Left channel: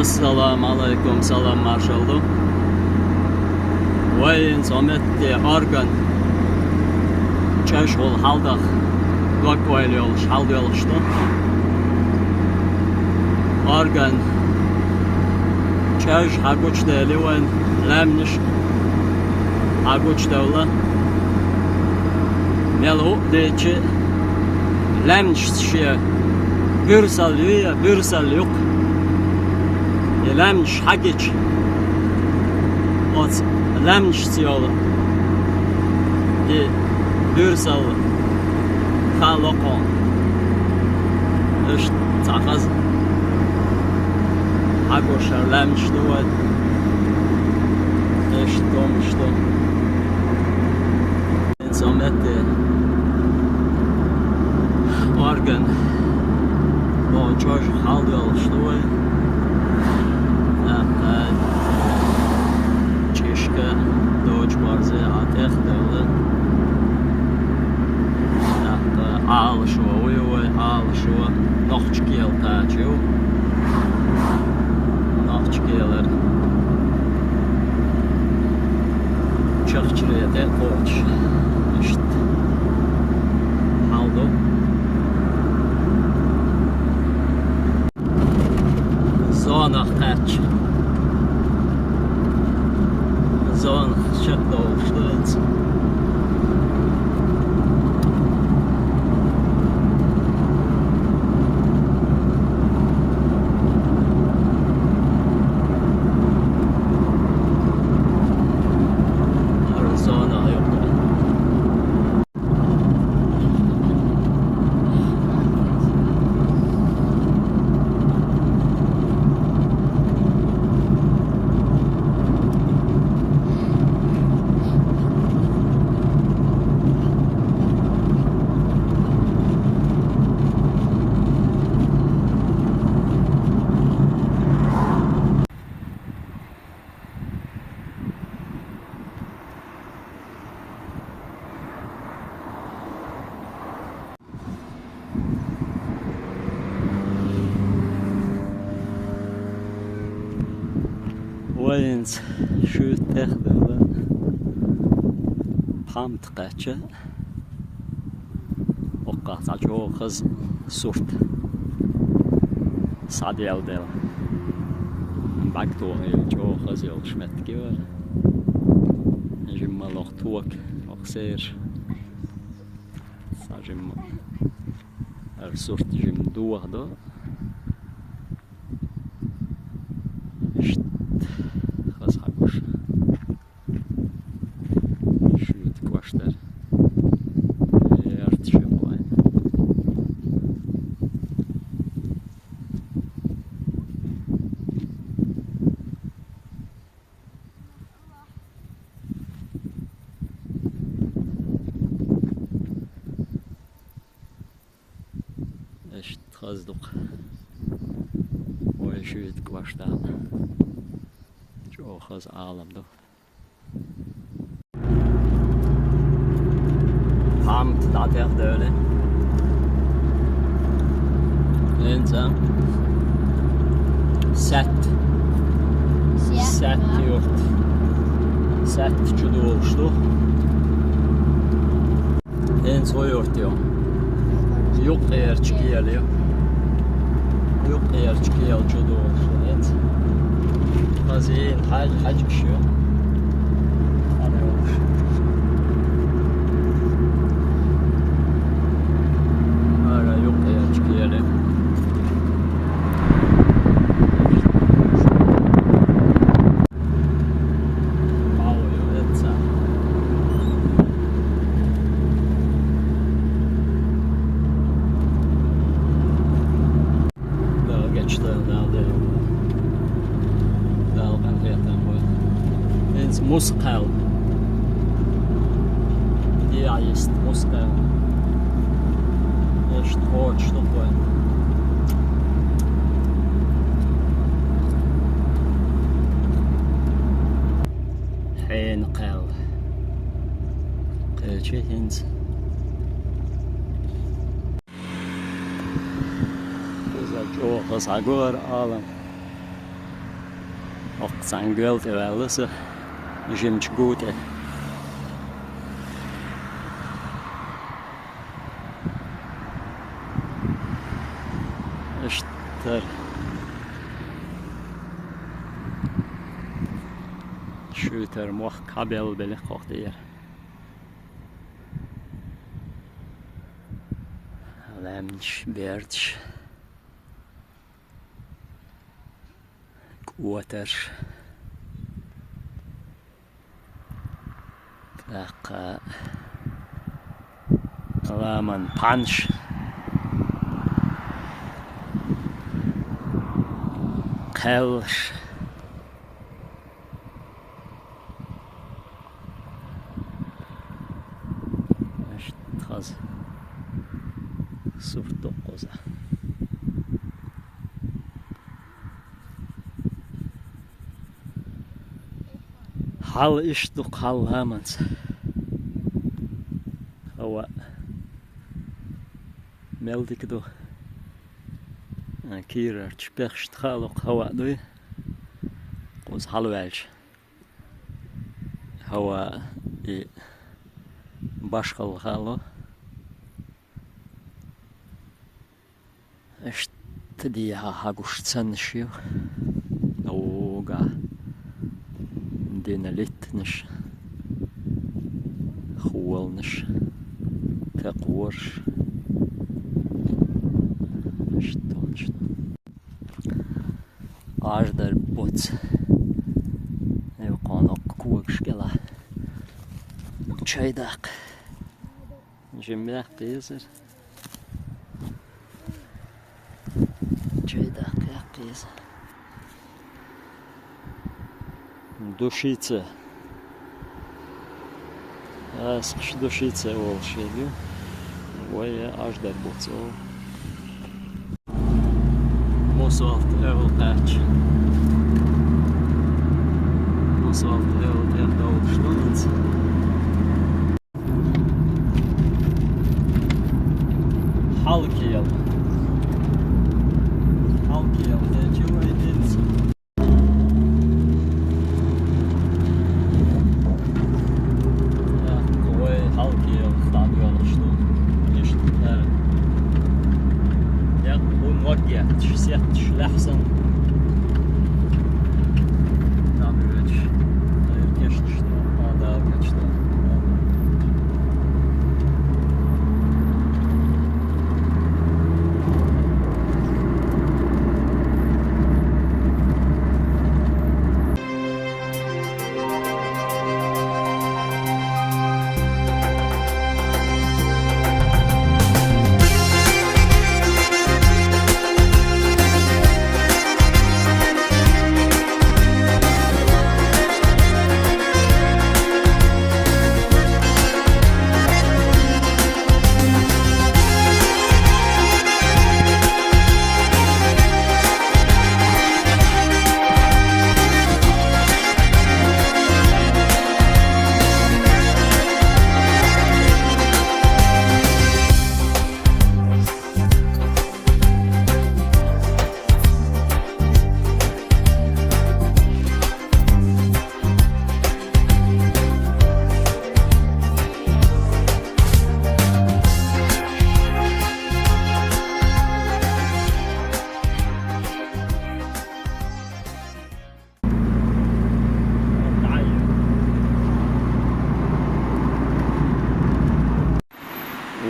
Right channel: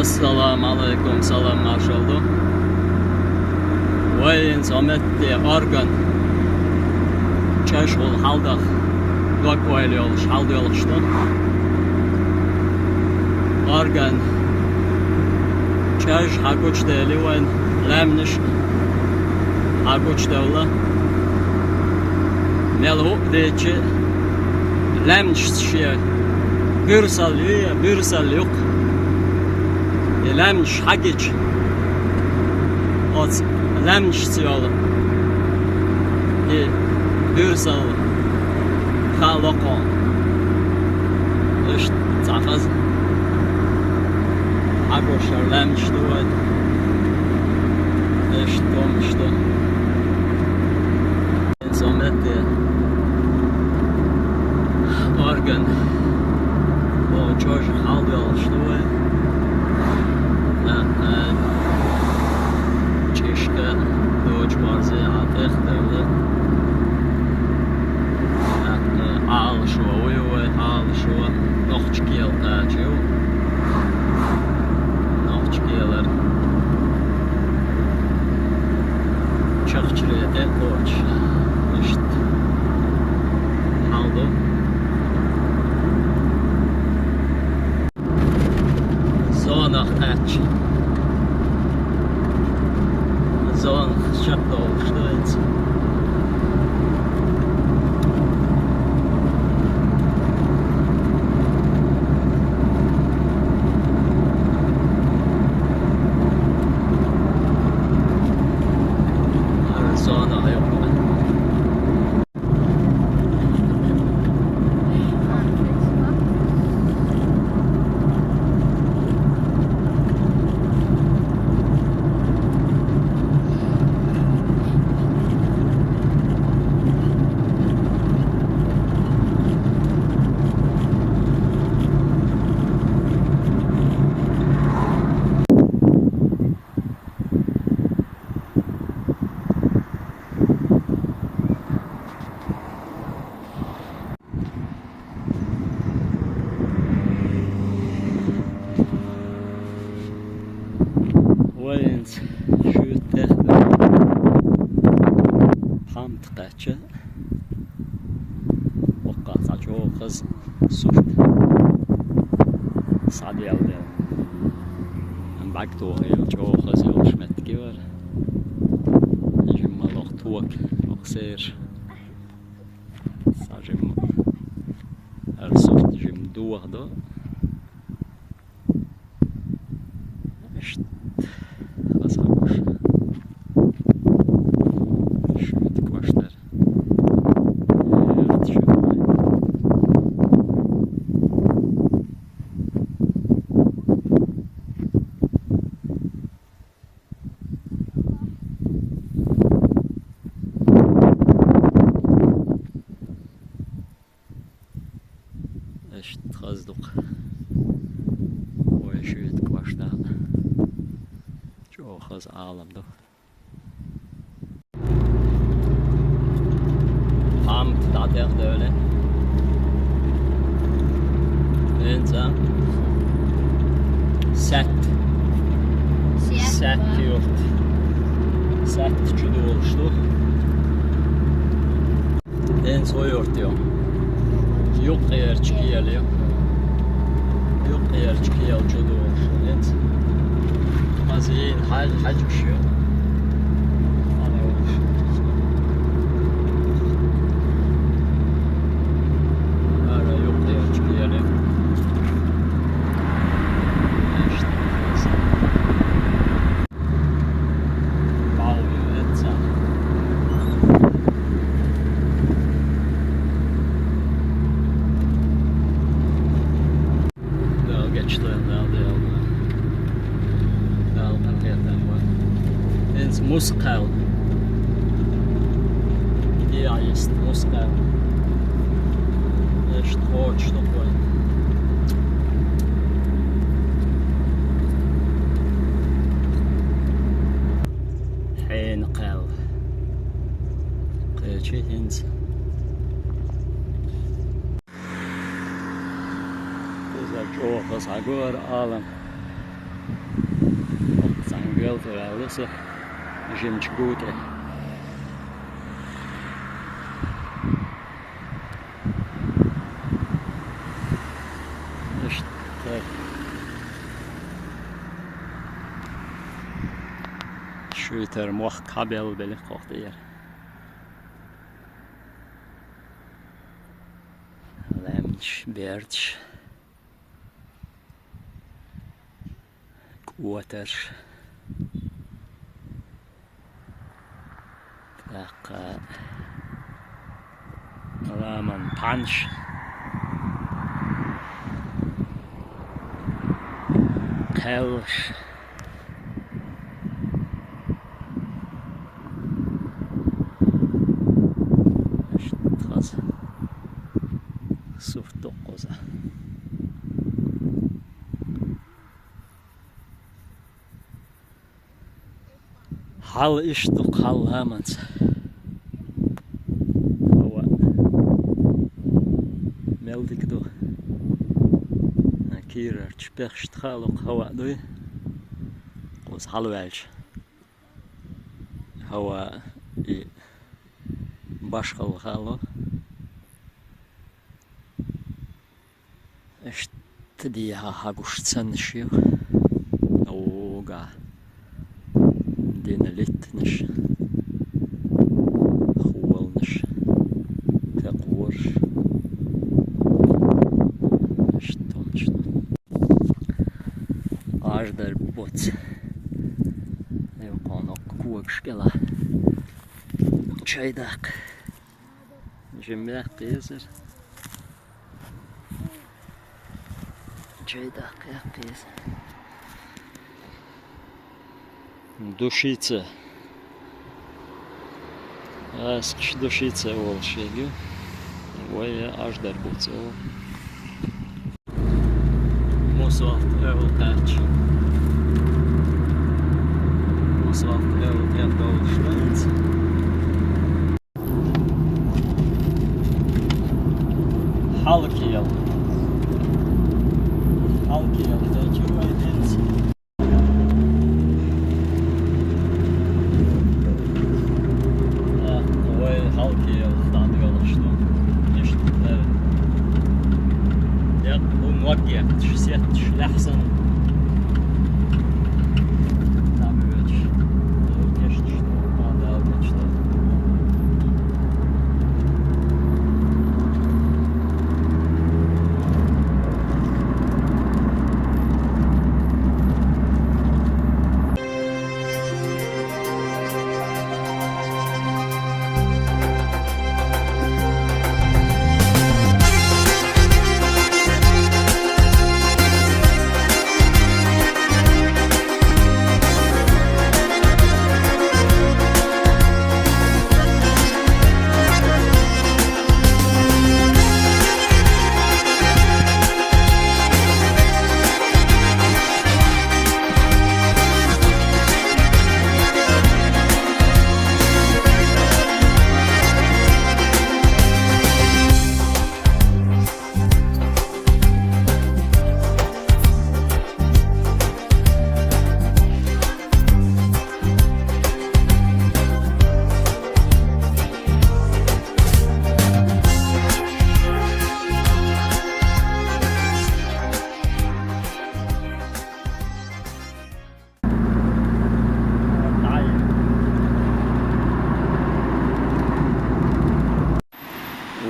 Assalamu alaikum, salam marshaldu. Wayn sometde organ chashul halda lokvoyl haldyolshtu. Organ chash haguchdeli wen lamnish haguchdevla melu deçi lamnish şey bürsal yok. Lamnish hagic ot lamnish siyolu di bürsal halokon işte takaz hagoshar lamnish duvat işte domishto insomette organ o çocuk haldyolshtu Чешка, дочь барзы, атех дерли. Алшува, уйвай, алшува. Нохчкел тачу. Нохчкелер. Чахчрете поч. Ишт. Халду. Зона хач. Zon shutdown. Arizona yok. Wayns şütte pamt qacha oqqa sacho qiz surt sadiyaldel bakto el cho qiz el shmetki var jimaloq tuak oqser sajim er surt jim duardo Trazduq وشوية كواشتال جو خز عالم دو Pamt dater döle Enza Set yurt Set çudu oluştu En soy yurt diyor Yok eğer çıkıyor Yok eğer çıkıyor çudu oluştu Evet Hazin hac kişiyor Moskou. Ja, jest Moskou. Echt hard stoppen. Geen qel. Qeltje hint. Uzak çok hasagor alam. Sangelt wel så jimch gute. İşte şüter muh kabel bele koxtiyer. Lemch berch. Water. Tak. Alaman punch. Kelsh. Khaz. Surt qoza. Hal iştuk hal hamans. Hava meldik do. Kira çıkışt halok hava do. Qoz halvelç. Hava başqa halo. İşte diye haguştsan şiyo. Oga. Денелитнеш, хуалнеш, такворш, точно. Аждар боц, евканок куакшкела, чайдак, жемяк кизер, чайдак як кизер. Душица. Аскш душица волшебю. Ой, аж дарбуцо. Мосвалт эвлкач. Мосвалт эвлкач. Halkiyel. Halkiyel. Tecrübe ediniz. Лахсан. Там ведь конечно что надо обычно.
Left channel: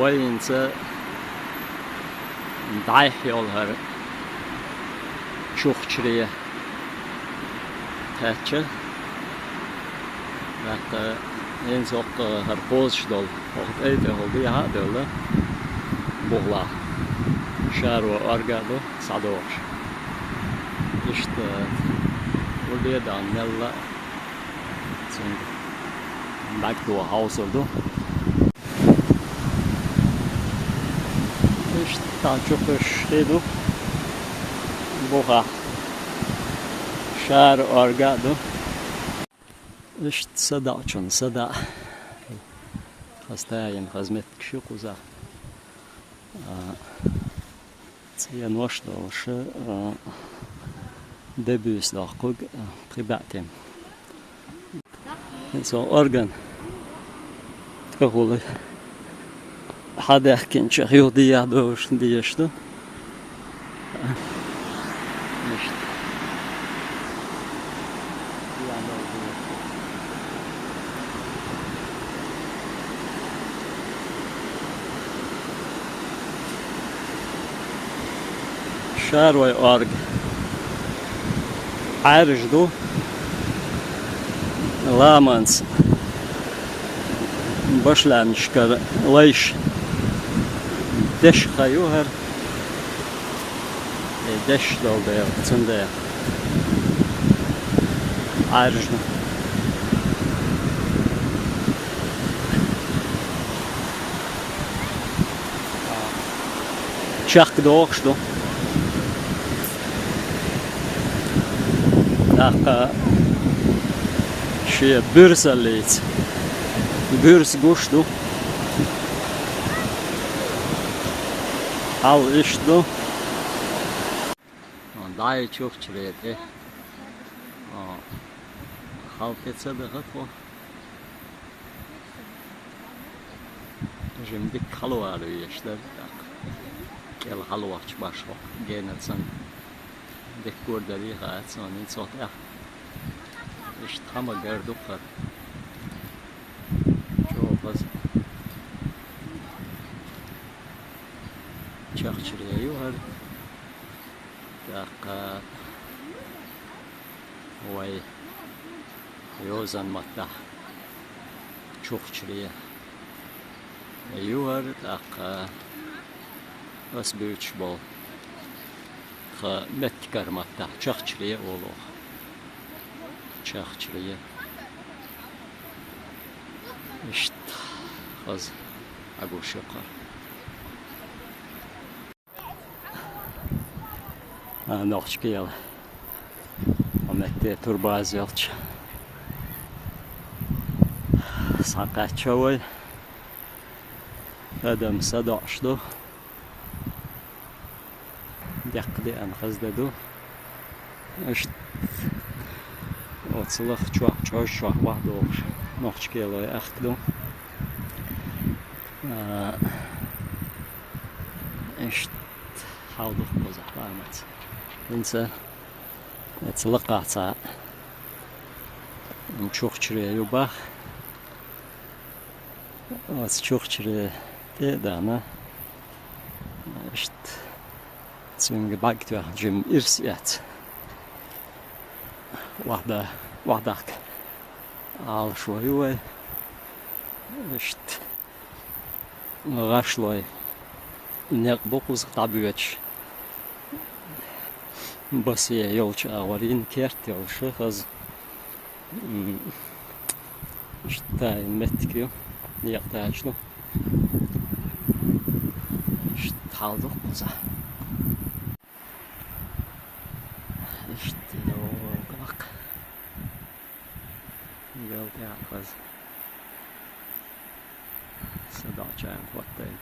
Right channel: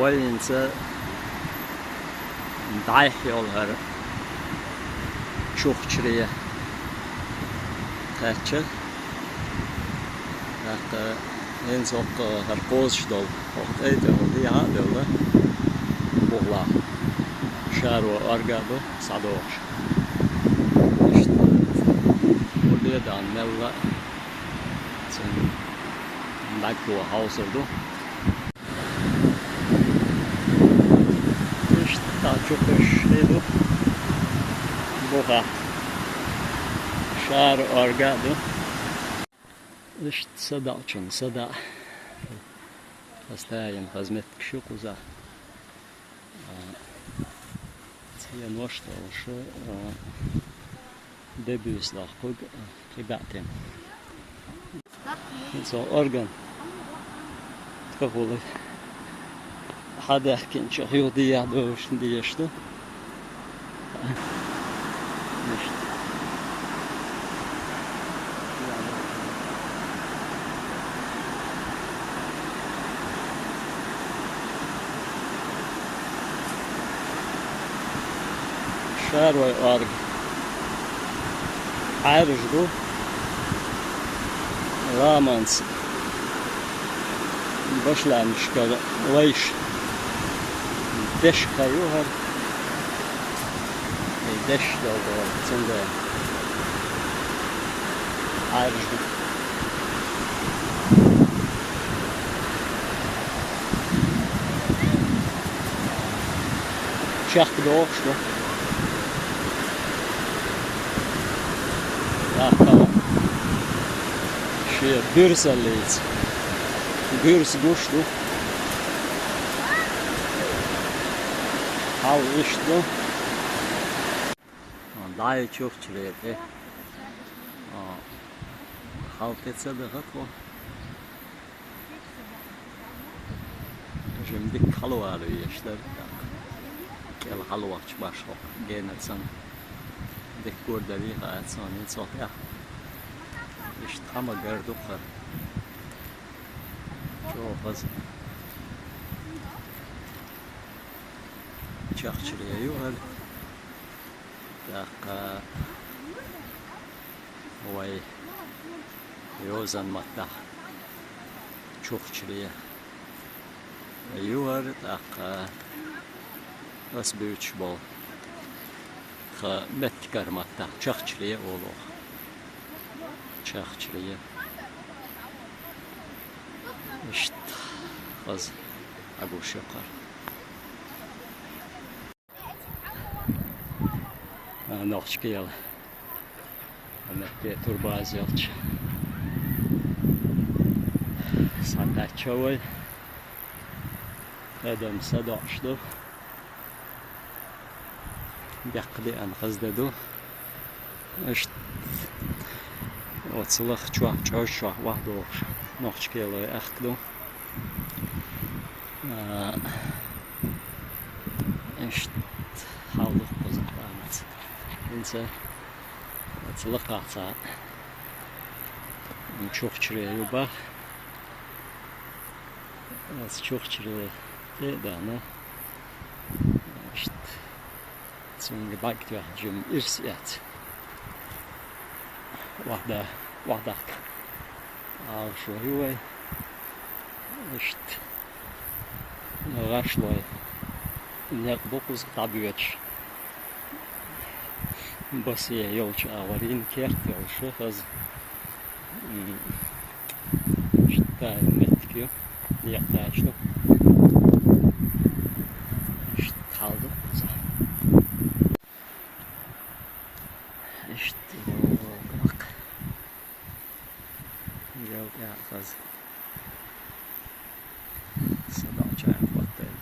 وينسى ضايح يولها شوخ شريه قاتشة لقى ينسوق هرقوز شدول وقت ايده هولدي هذا ولا بغلا شار وارقادو صعدوش اشت ولي دان ملا سن باكتو هاوسولدو Daha çok şeydi boğa şar orgado işte sada için sada hastayım hizmet kişi kuza це я ношто лише debut lag privatem. Så organ تقول حدا يحكي رياضية دوش ديشتو شاروي أرج عارج دو لامانس başlamışlar leş deş kayıyor deş yolda yaptığında ayrıca çak doğuştu şey bürseliyiz Bürs gosto. Al isto. Daje çok çürüyedi. Halketse de haklı. Şimdi kalvarı yaşlar. Gel halvaç başlık. Genelsen dekordari hayat sonin sotya. İşte ama gördük. Fazla çakçırıya yuvar dakika vay yozan matta çok çırıya yuvar dakika as büyük bol ha metkar matta çakçırıya oğlu çakçırıya İşte az aguş yapar. Noch gel. Ahmet turbaz yalç. Sakat çoğu. Adam sadaştı. Yakdı an hızdadı. İşte otsılık çok vardı olur. Noch gel aktı. İşte havlu kozaklarımız. İnse atılıkatsa çok çürüye yuba. Az çok çürüye de ama işte çünkü bakıyor cüm irsiyat. Vahdak al şoyu işte Raşloy ne dokuz tabiyeç basıya yolcu avarin kert yolcu az işte metkiyor yaklaştı işte kaldık bize işte o bak geldi kız Sadacağım kottayım.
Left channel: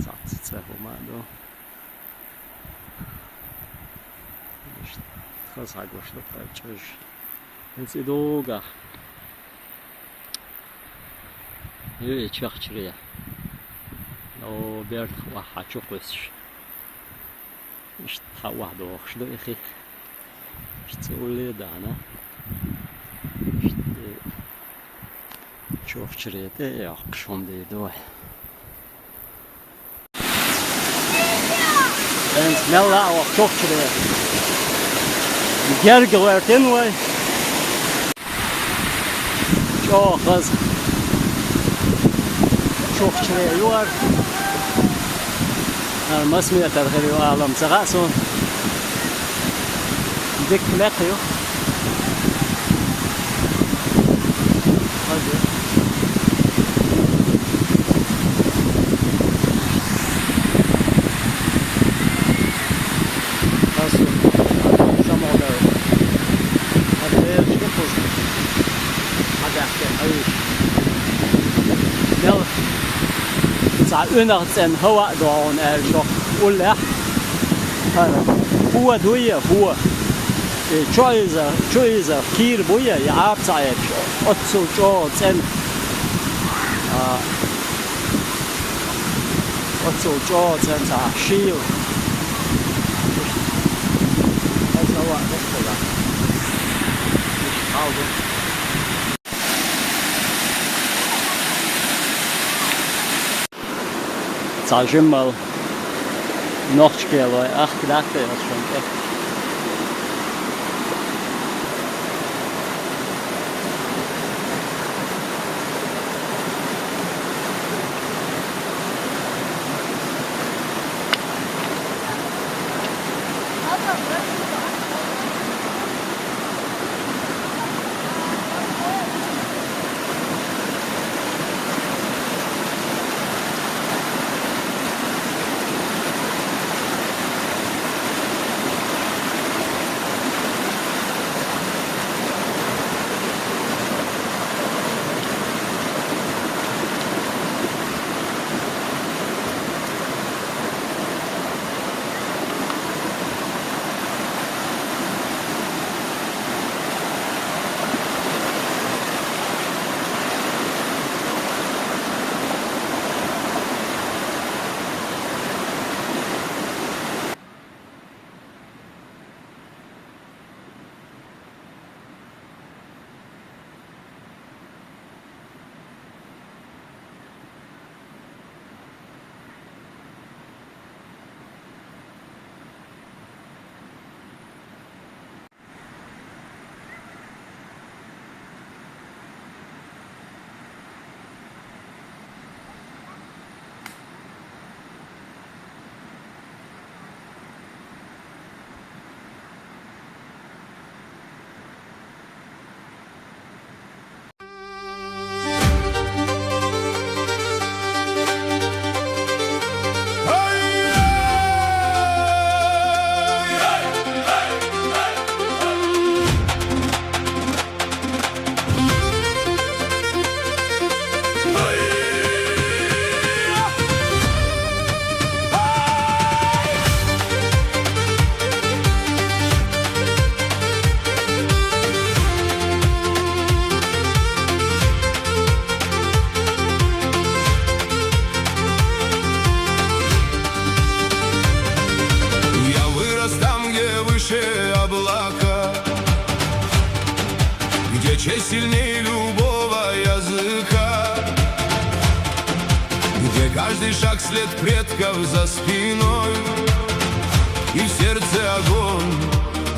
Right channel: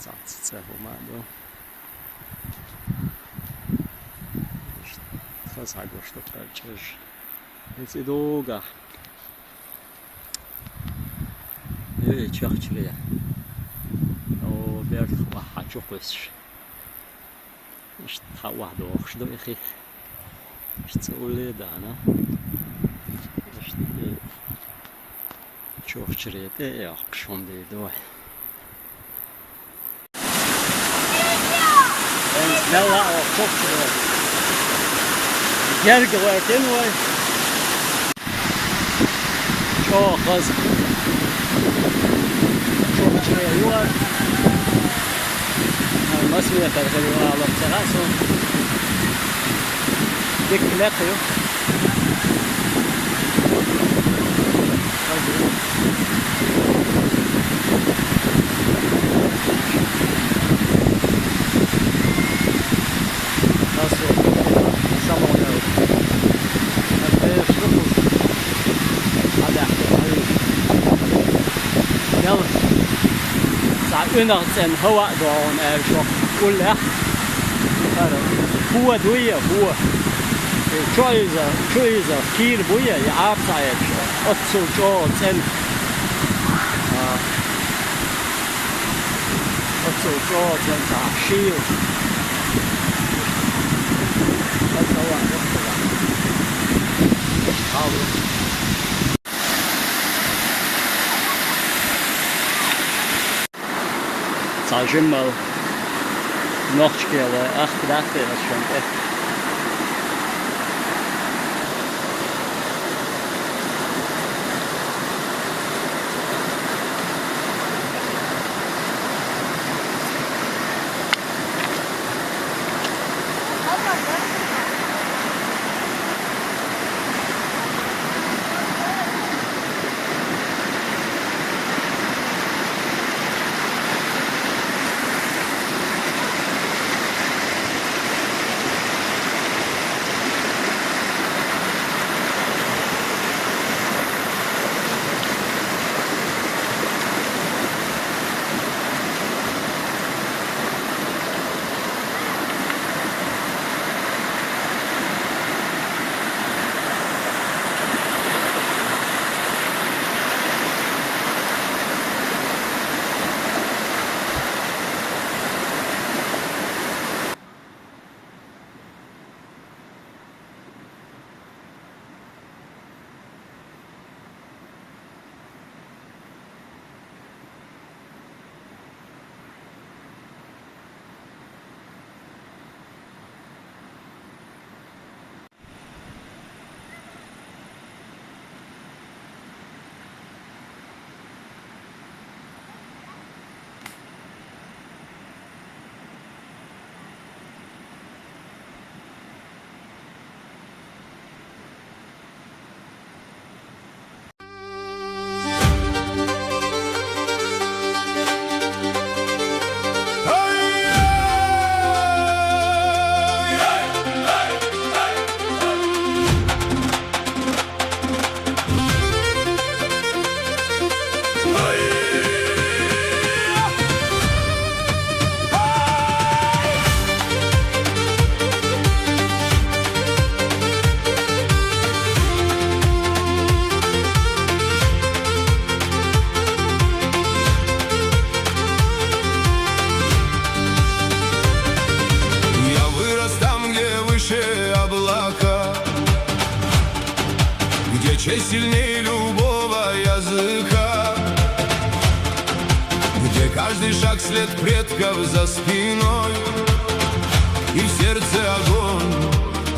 Zatsıtsa humado. İşte kız hagoştu karçış. Neyse doğuga. Öyle çakçırıya. O bir vaha çok ösüş. İşte hava doğuştu iki. İşte öyle dana. İşte çok çürüyedi ya akşamdaydı o. Ne la o çok çürüyedi. Gergeletin var. Çok az. Çok çürüyor. Masmiye tarheli alam sagaso. Diklekiyor. Hadi. Unter den Hauer da und so Ulla. Fuhr durch, fuhr. Choice, viel Buja, die Abzeit. Otto, Zen. Otto, Zen, Schiel. Das ist auch ein Restaurant. Zahlst du immer noch Schkeer, weil 8 gedacht das ist schon echt. Где честь сильнее любого языка, где каждый шаг след предков за спиной, и в сердце огонь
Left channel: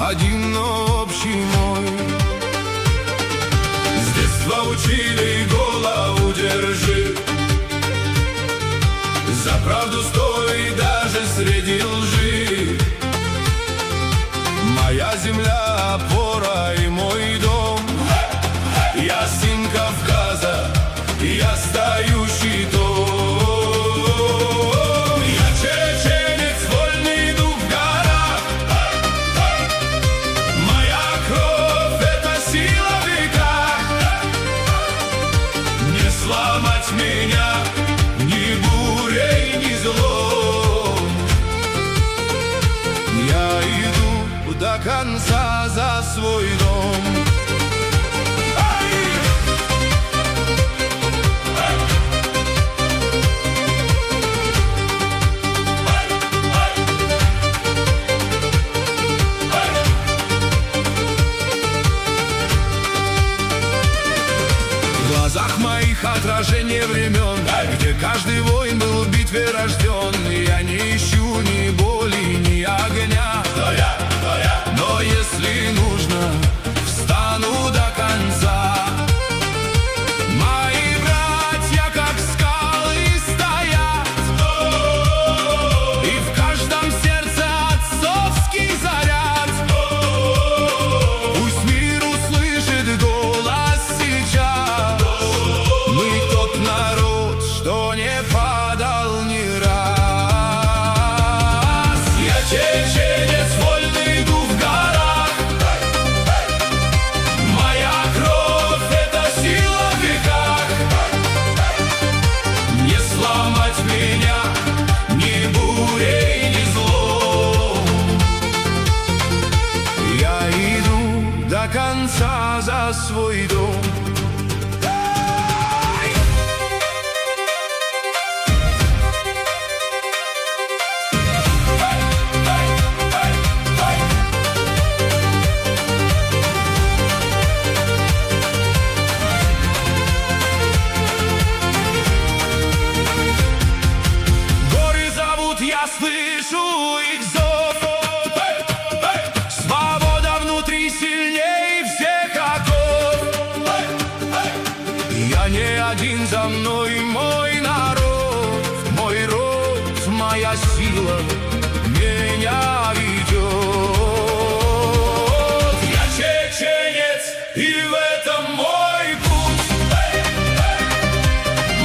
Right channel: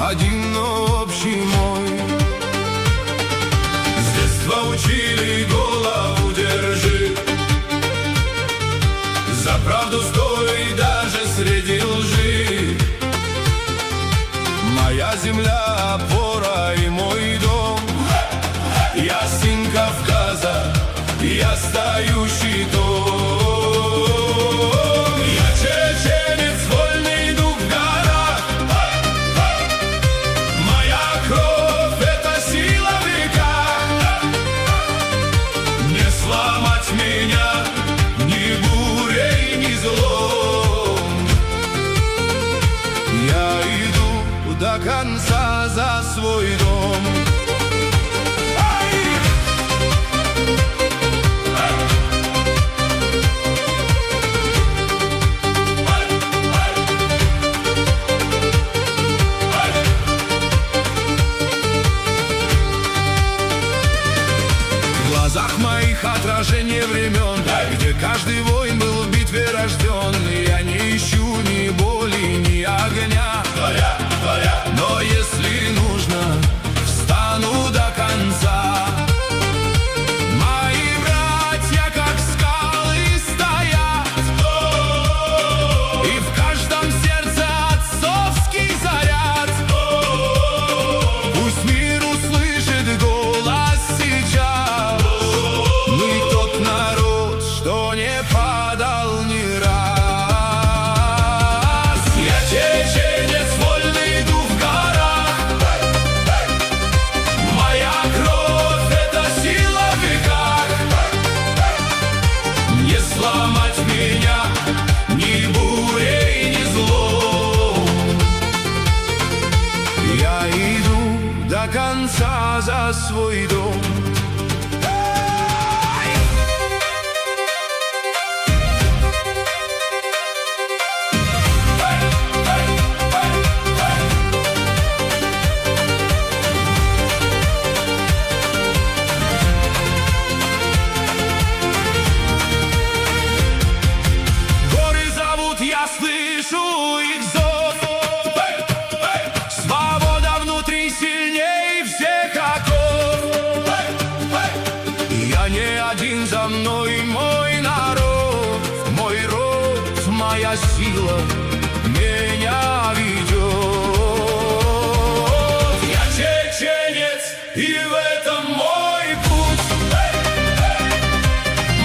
один, но общий мой. С детства учили голову держи, за правду стой даже среди лжи. Моя земля опора и мой дом, я сын Кавказа, я стою щитом. Я чеченец, вольный дух в горах, моя кровь — это сила в веках. Не сломать меня ни бурей, ни злом. Я иду до конца за свой дом. В глазах моих отражение времен, где каждый воин был в битве рожден. Я не ищу ни боли, ни огня, но если нужно, встану до конца. Мои братья, как скалы, стоят, и в каждом сердце отцовский заряд. Пусть мир услышит голос сейчас. Мы тот народ, что не падал ни раз. Я чеченец, вольный Я иду до конца за свой дом. Я слышу их зов. Свобода внутри сильней всех оков. Я не один, за мной мой народ, мой род, моя сила меня ведет. Я чеченец, и в этом мой путь.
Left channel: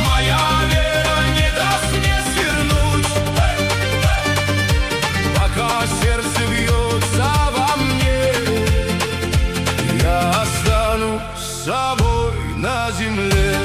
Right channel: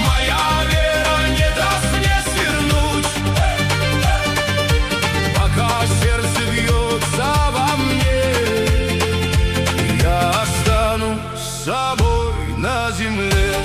Моя вера не даст мне свернуть. Пока сердце бьется во мне, я останусь с собой на земле.